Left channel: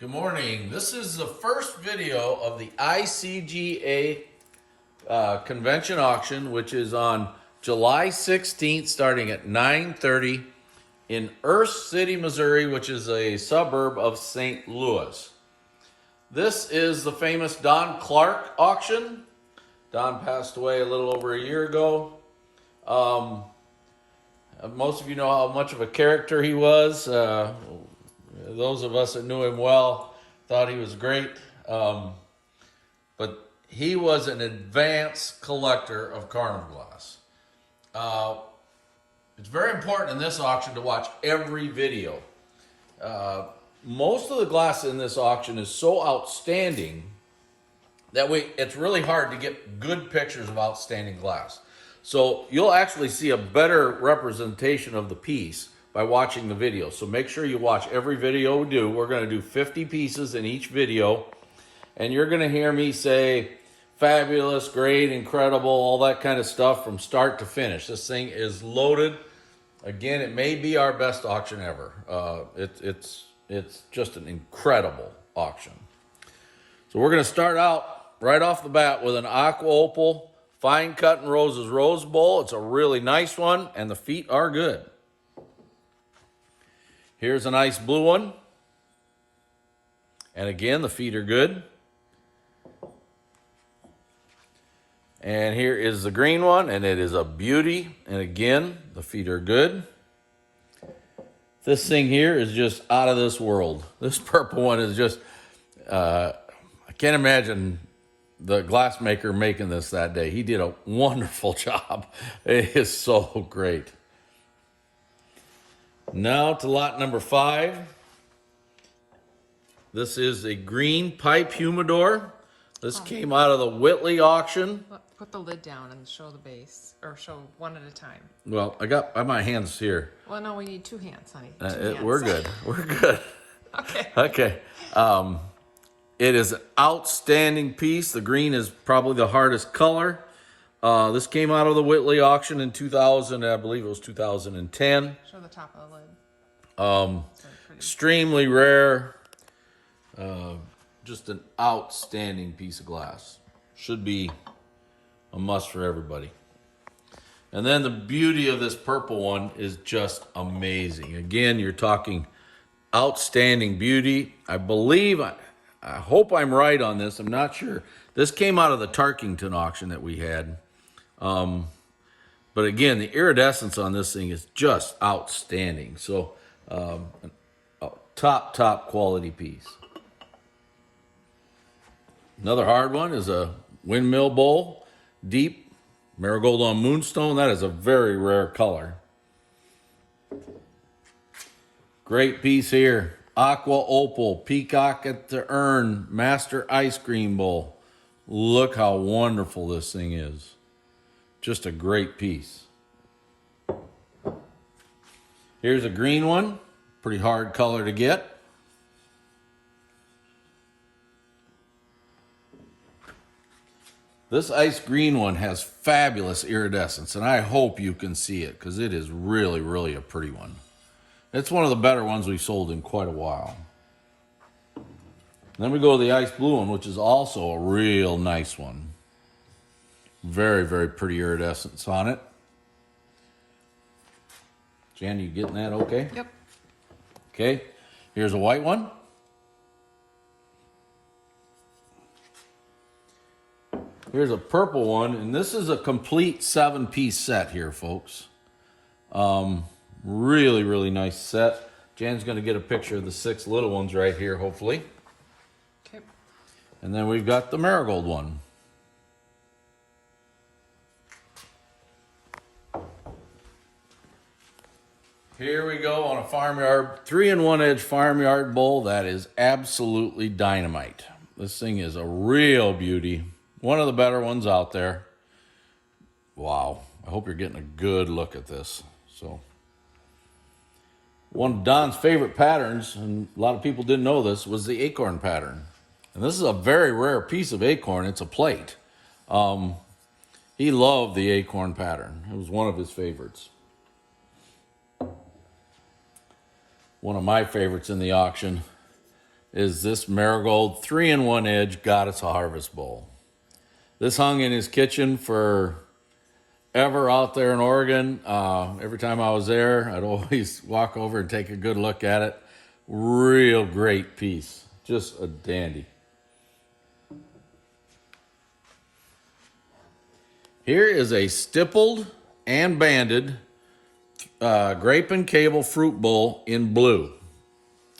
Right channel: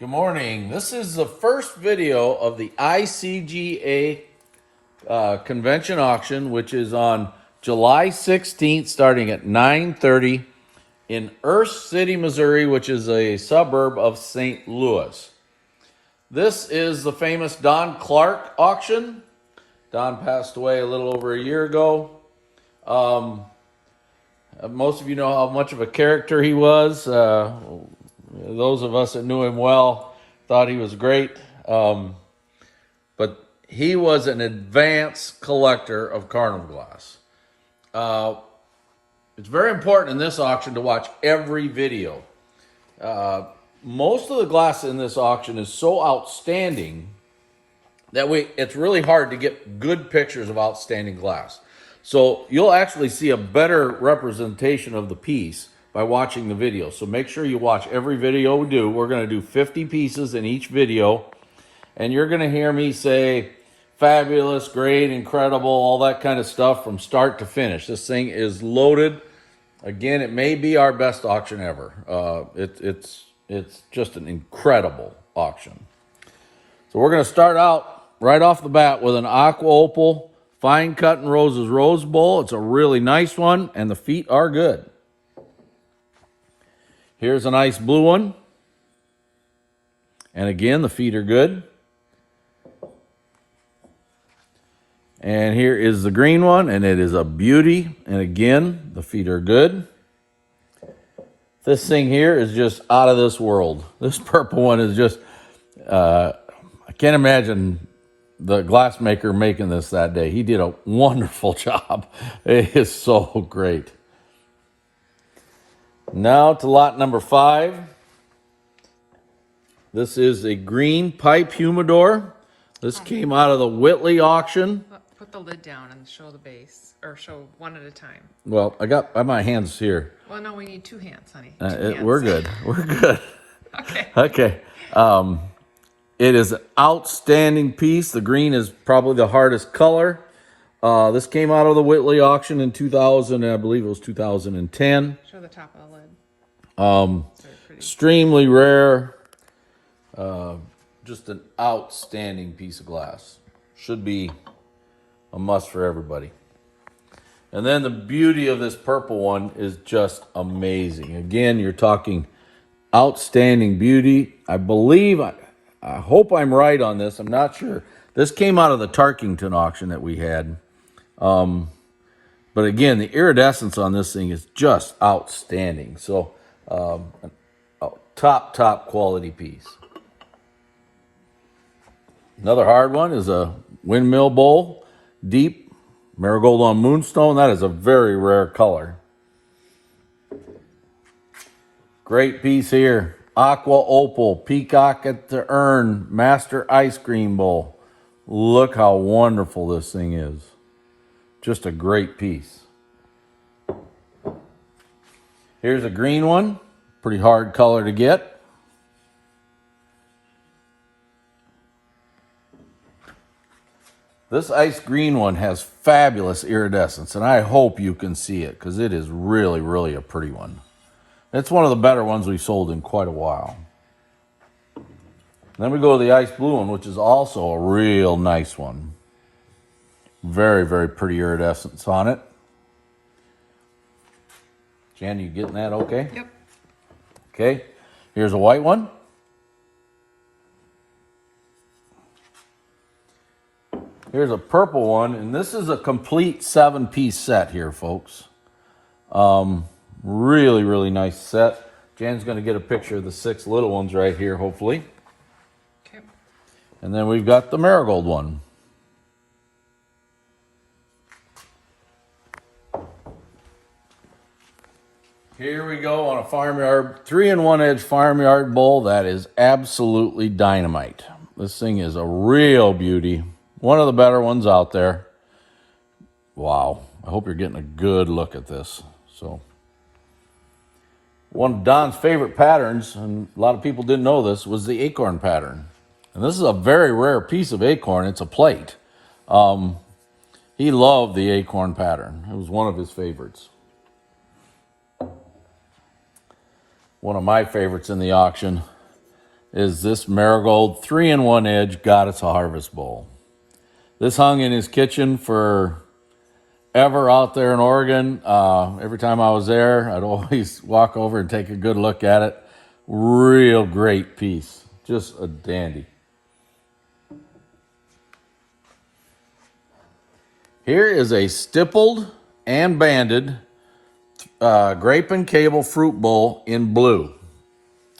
Good morning. This is the first video of the ICGA convention auction, which is on July 16th, starting at 9:30 in Earth City, Missouri, which is a suburb of St. Louis. This is the famous Don Clark auction. Don passed away a little over a year ago. Most of you know how much of a character he was. Those of us that knew him well thought he was great. But he was an advanced collector of carnival glass. It's very important in this auction to watch every video. Most of the glass in this auction is so outstanding that it's really hard to get good pictures of outstanding glass. So you'll actually see a better representation of the piece by watching the video. So make sure you watch every video we do. We're going to do 50 pieces in each video. And you're going to hear me say fabulous, great, incredible, all that kind of stuff from start to finish. This thing is loaded. Again, it may be our best auction ever. It's just an incredible auction. So we're going to start out right off the bat with an aqua opal fine cut and roses rose bowl. It's a really nice one, and the feet are good. Here's a nice blue one. And again, the feet are good. And here is the green one, and it is a beauty. And again, the feet are good. This thing here is just out of this world. This purple one is just, I can't imagine the glassmaker making this that day. He did a wonderful job. It is so great. Now to lot number 5. This is a green pipe humidor. This came out of the Whitley auction. Put the lid down and show the base, or show one at a time. Well, I got my hands here. Well, no, we need 2 hands, honey. 2 hands. We're good. We're good. Okay. Okay. It is an outstanding piece. The green is probably the hardest color. This came out of the Whitley auction in 2000, I believe it was 2010. Show the top of the lid. Extremely rare. Just an outstanding piece of glass. Should be a must for everybody. And then the beauty of this purple one is just amazing. Again, you're talking outstanding beauty. I believe, I hope I'm right on this. I'm not sure. This came out of the Tarkington auction that we had. But again, the iridescence on this thing is just outstanding. So, a top quality piece. Another hard one is a windmill bowl, deep marigold on moonstone. That is a very rare color. Great piece here. Aqua opal, peacock at the urn, master ice cream bowl. Look how wonderful this thing is. Just a great piece. Here's a green one. Pretty hard color to get. This ice green one has fabulous iridescence, and I hope you can see it because it is really, really a pretty one. It's one of the better ones we've sold in quite a while. Then we go to the ice blue one, which is also a real nice one. Very, very pretty iridescence on it. Jan, you getting that okay? Yep. Okay. Here's a white one. Here's a purple one, and this is a complete 7-piece set here, folks. Really, really nice set. Jan's going to get a picture of the 6 little ones right here, hopefully. Okay. And then we've got the marigold one. Here we go on a farmyard, 3-in-1 edge farmyard bowl. That is absolutely dynamite. This thing is a real beauty. One of the better ones out there. Wow. I hope you're getting a good look at this. So, one of Don's favorite patterns, and a lot of people didn't know this, was the acorn pattern. And this is a very rare piece of acorn. It's a plate. He loved the acorn pattern. It was one of his favorites. One of my favorites in the auction is this Marigold 3-in-1 Edge Goddess Harvest Bowl. This hung in his kitchen for ever out there in Oregon. Every time I was there, I'd always walk over and take a good look at it. Real great piece. Just a dandy. Here is a stippled and banded grape and cable fruit bowl in blue.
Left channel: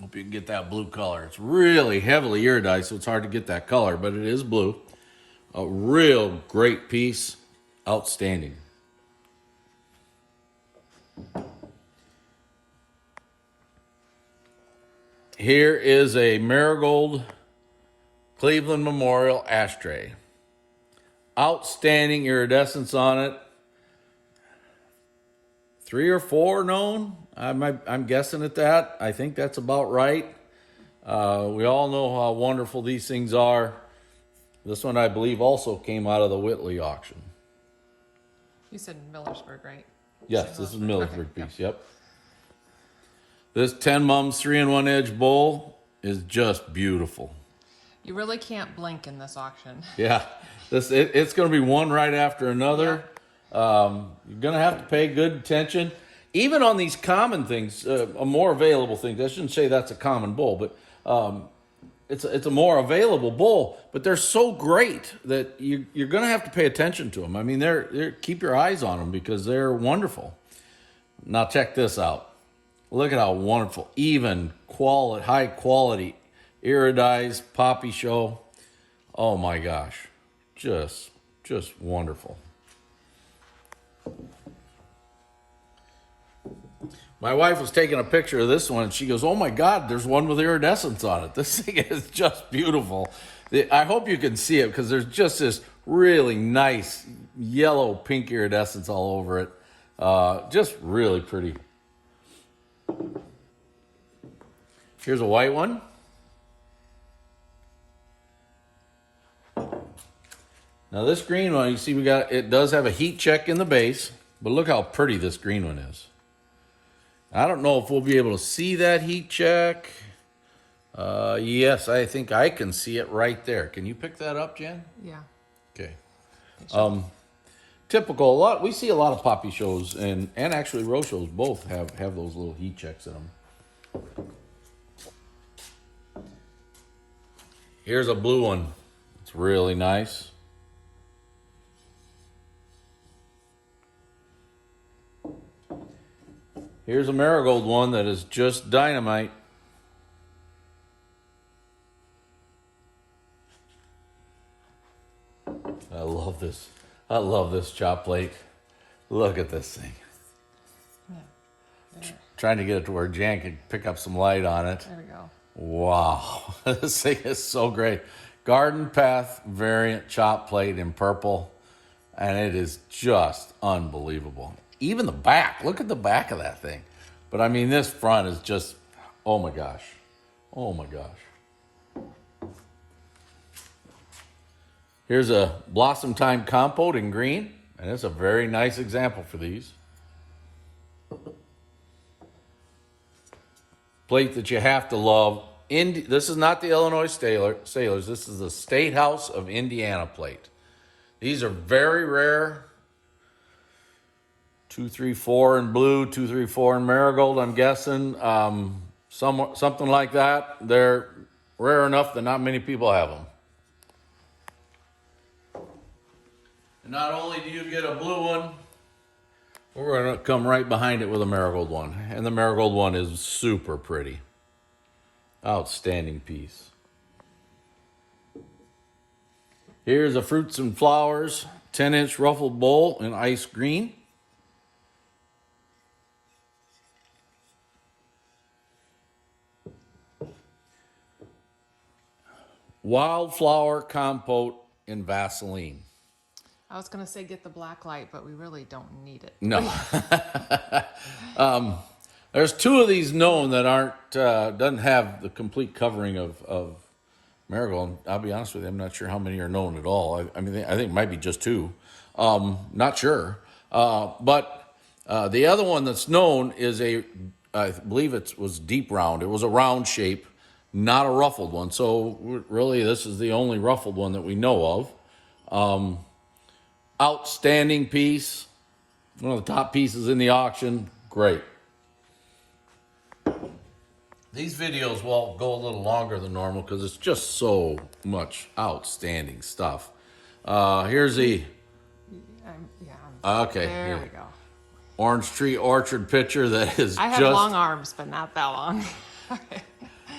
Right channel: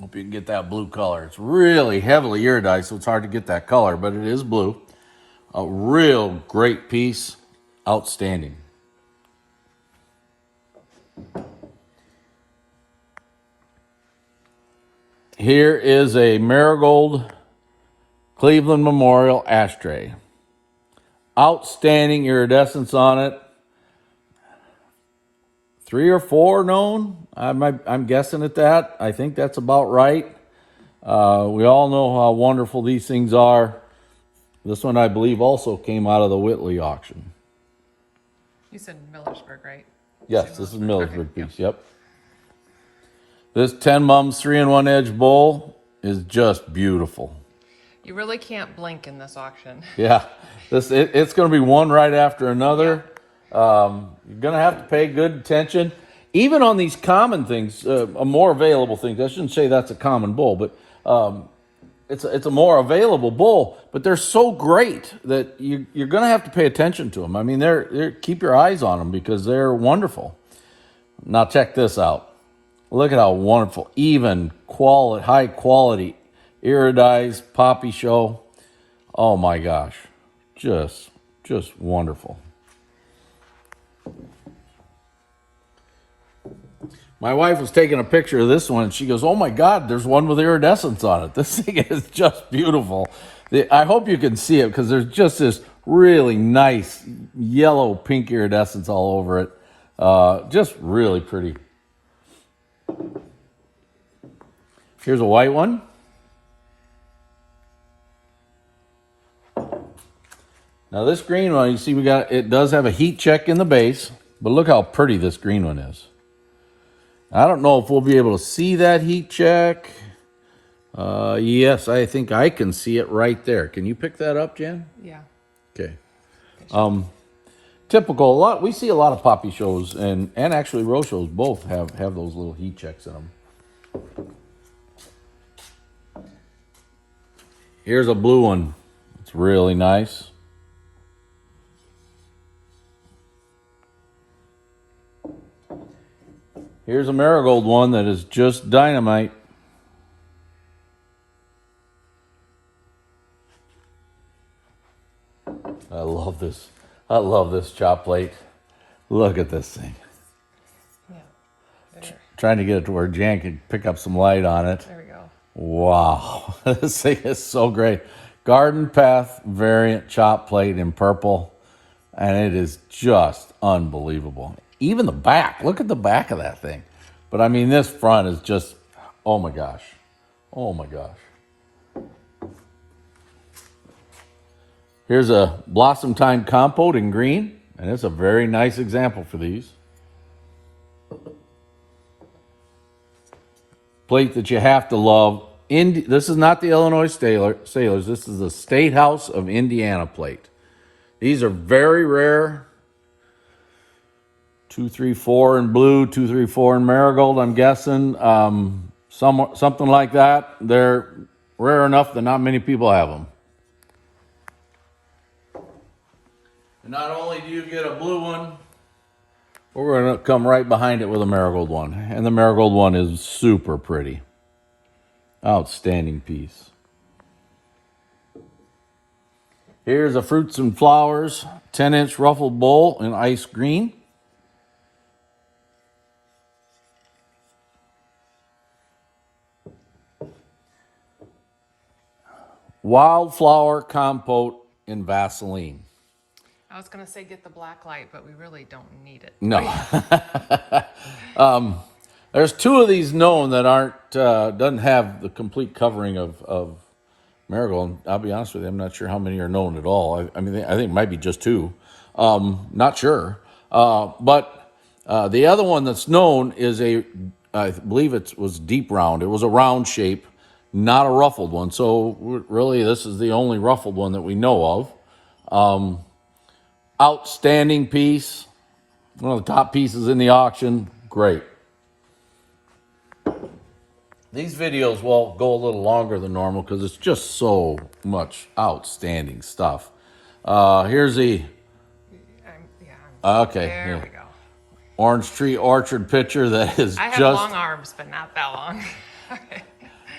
Hope you can get that blue color. It's really heavily iridized, so it's hard to get that color, but it is blue. A real great piece. Outstanding. Here is a Marigold Cleveland Memorial ashtray. Outstanding iridescence on it. 3 or 4 known. I'm guessing at that. I think that's about right. We all know how wonderful these things are. This one, I believe, also came out of the Whitley auction. You said Millersburg, right? Yes, this is Millersburg piece. Yep. This 10 Mums 3-in-1 Edge bowl is just beautiful. You really can't blink in this auction. Yeah, it's going to be one right after another. You're going to have to pay good attention. Even on these common things, more available things. I shouldn't say that's a common bowl, but it's a more available bowl. But they're so great that you're going to have to pay attention to them. I mean, they're keep your eyes on them because they're wonderful. Now check this out. Look at how wonderful, even quality, high quality, iridized poppy show. Oh my gosh, just wonderful. My wife was taking a picture of this one, and she goes, "Oh my God, there's one with iridescence on it. This thing is just beautiful." I hope you can see it because there's just this really nice yellow pink iridescence all over it. Just really pretty. Here's a white one. Now this green one, you see it does have a heat check in the base, but look how pretty this green one is. I don't know if we'll be able to see that heat check. Yes, I think I can see it right there. Can you pick that up, Jan? Yeah. Okay. Typical, we see a lot of poppy shows and actually rose shows both have those little heat checks in them. Here's a blue one. It's really nice. Here's a Marigold one that is just dynamite. I love this. I love this chop plate. Look at this thing. Yeah. Trying to get it to where Jan could pick up some light on it. There we go. Wow. This thing is so great. Garden Path variant chop plate in purple. And it is just unbelievable. Even the back. Look at the back of that thing. But I mean, this front is just, oh my gosh. Oh my gosh. Here's a Blossom Time Compote in green. And it's a very nice example for these. Plate that you have to love. This is not the Illinois Sailors. This is the State House of Indiana plate. These are very rare. 2, 3, 4 in blue, 2, 3, 4 in marigold, I'm guessing. Something like that. They're rare enough that not many people have them. And not only do you get a blue one, but we're going to come right behind it with a marigold one. And the marigold one is super pretty. Outstanding piece. Here's a Fruits and Flowers 10-inch ruffled bowl in ice green. Wildflower Compote in Vaseline. I was going to say get the black light, but we really don't need it. No. There's 2 of these known that doesn't have the complete covering of marigold. I'll be honest with you, I'm not sure how many are known at all. I think it might be just 2. Not sure. But the other one that's known is I believe it was deep round. It was a round shape not a ruffled one. So really, this is the only ruffled one that we know of. Outstanding piece. One of the top pieces in the auction. Great. These videos will go a little longer than normal because it's just so much outstanding stuff. Here's the... Okay. There we go. Orange tree orchard picture that is I have just... long arms, but not that long.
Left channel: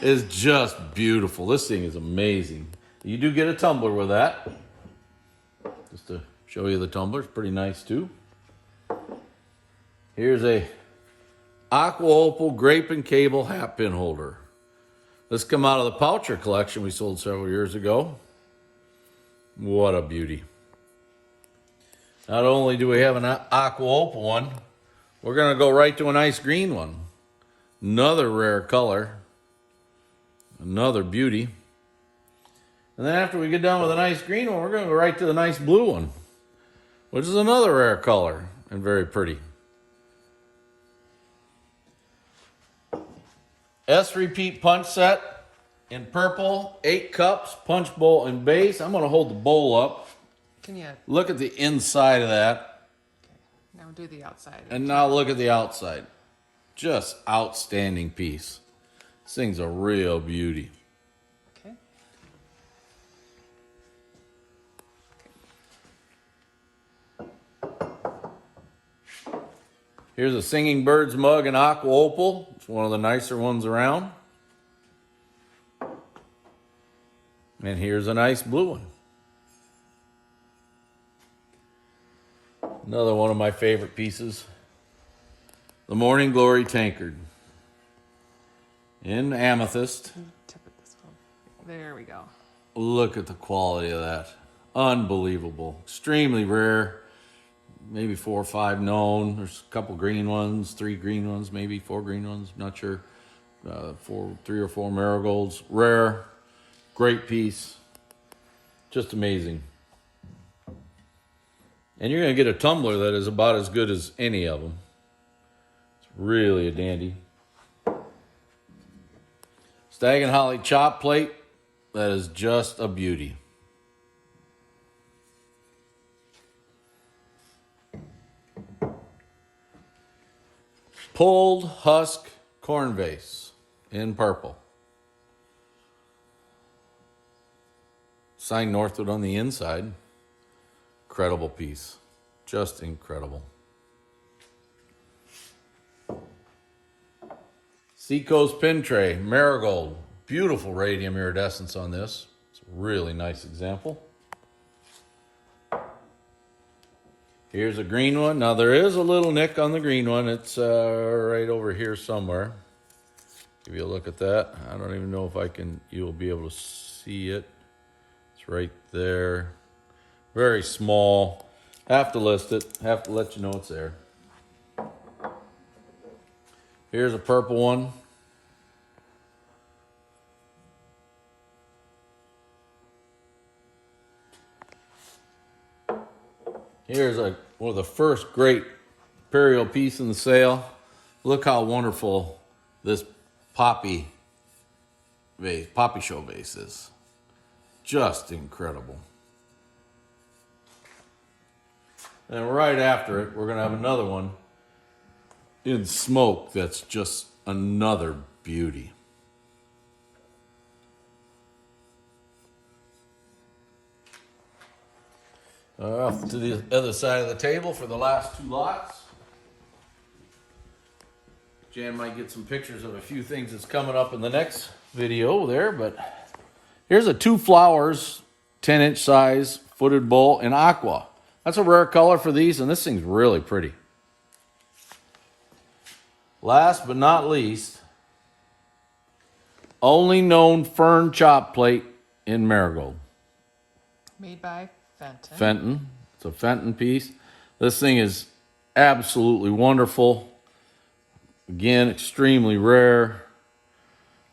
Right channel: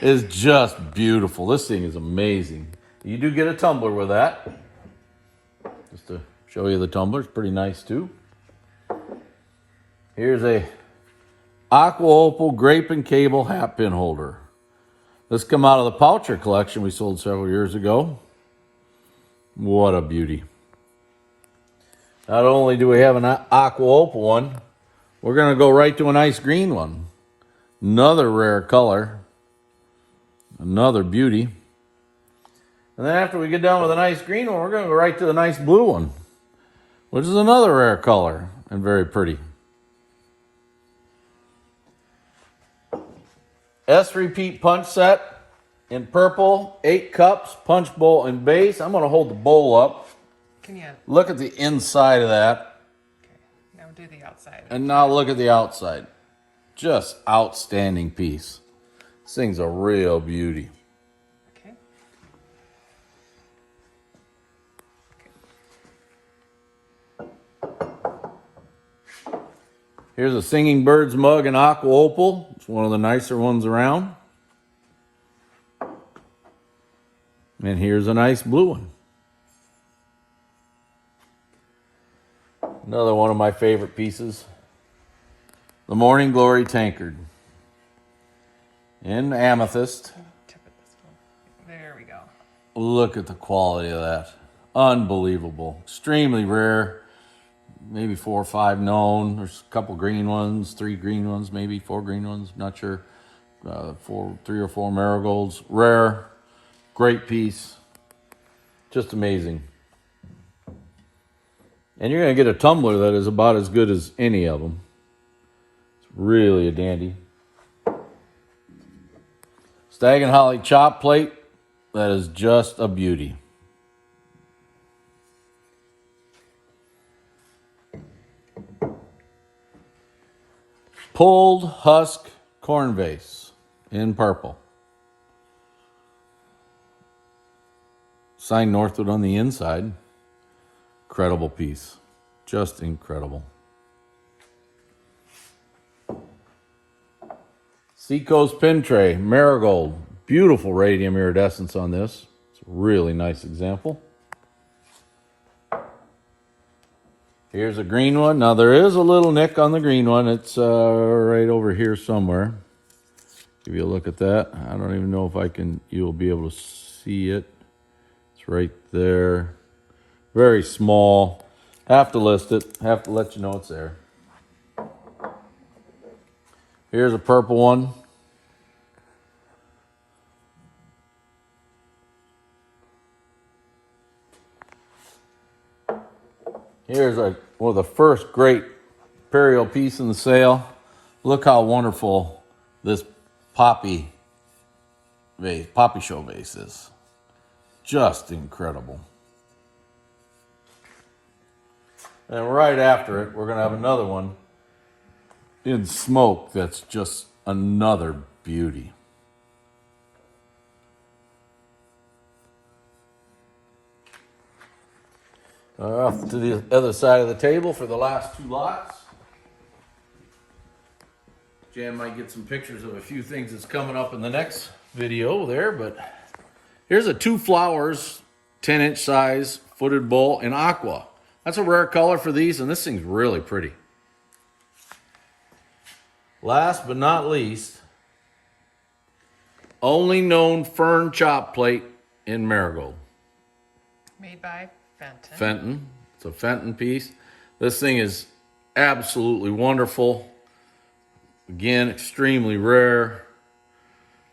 is just beautiful. This thing is amazing. You do get a tumbler with that. Just to show you the tumbler. It's pretty nice too. Here's a aqua opal grape and cable hat pin holder. This come out of the Poucher collection we sold several years ago. What a beauty. Not only do we have an aqua opal one, we're going to go right to a nice green one. Another rare color. Another beauty. And then after we get done with a nice green one, we're going to go right to the nice blue one, which is another rare color and very pretty. S repeat punch set in purple, 8 cups, punch bowl and base. I'm going to hold the bowl up. Can you Look at the inside of that. now do the outside? And now look at the outside. Just outstanding piece. This thing's a real beauty. Okay. Here's a Singing Birds mug in aqua opal. It's one of the nicer ones around. And here's a nice blue one. Another one of my favorite pieces. The Morning Glory tankard. In amethyst. Tip it this way. There we go. Look at the quality of that. Unbelievable. Extremely rare. Maybe 4 or 5 known. There's a couple green ones, 3 green ones, maybe 4 green ones. Not sure. 3 or 4 marigolds. Rare. Great piece. Just amazing. And you're going to get a tumbler that is about as good as any of them. It's really a dandy. Stag and Holly chop plate. That is just a beauty. Pulled husk corn vase in purple. Signed Northwood on the inside. Incredible piece. Just incredible. Seacoast pin tray, marigold. Beautiful radium iridescence on this. It's a really nice example. Here's a green one. Now there is a little nick on the green one. It's right over here somewhere. Give you a look at that. I don't even know if you'll be able to see it. It's right there. Very small. Have to list it. Have to let you know it's there. Here's a purple one. Here's one of the first great imperial piece in the sale. Look how wonderful this poppy show vase is. Just incredible. And right after it, we're going to have another one in smoke that's just another beauty. Off to the other side of the table for the last 2 lots. Jan might get some pictures of a few things that's coming up in the next video there, but here's a 2 flowers, 10-inch size, footed bowl in aqua. That's a rare color for these, and this thing's really pretty. Last but not least, only known fern chop plate in marigold. Made by Fenton. Fenton. It's a Fenton piece. This thing is absolutely wonderful. Again, extremely rare.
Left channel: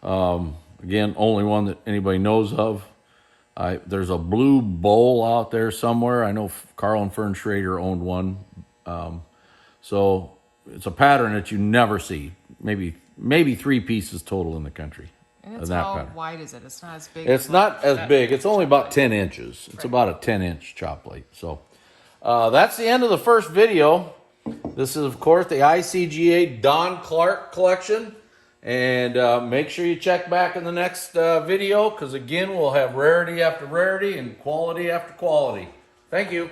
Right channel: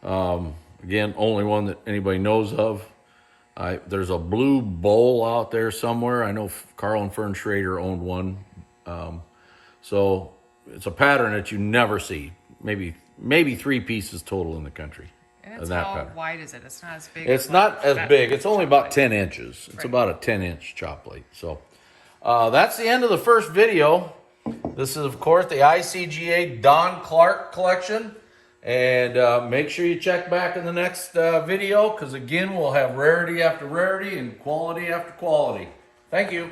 Again, only one that anybody knows of. There's a blue bowl out there somewhere. I know Carl and Fern Schrader owned one. So it's a pattern that you never see. Maybe 3 pieces total in the country. And it's that how pattern. wide is it? It's not as big. It's not as that big. It's only about chop 10 inches. It's Right. about a 10-inch chop plate. So that's the end of the first video. This is, of course, the ICGA Don Clark collection. And make sure you check back in the next video, because, again, we'll have rarity after rarity and quality after quality. Thank you.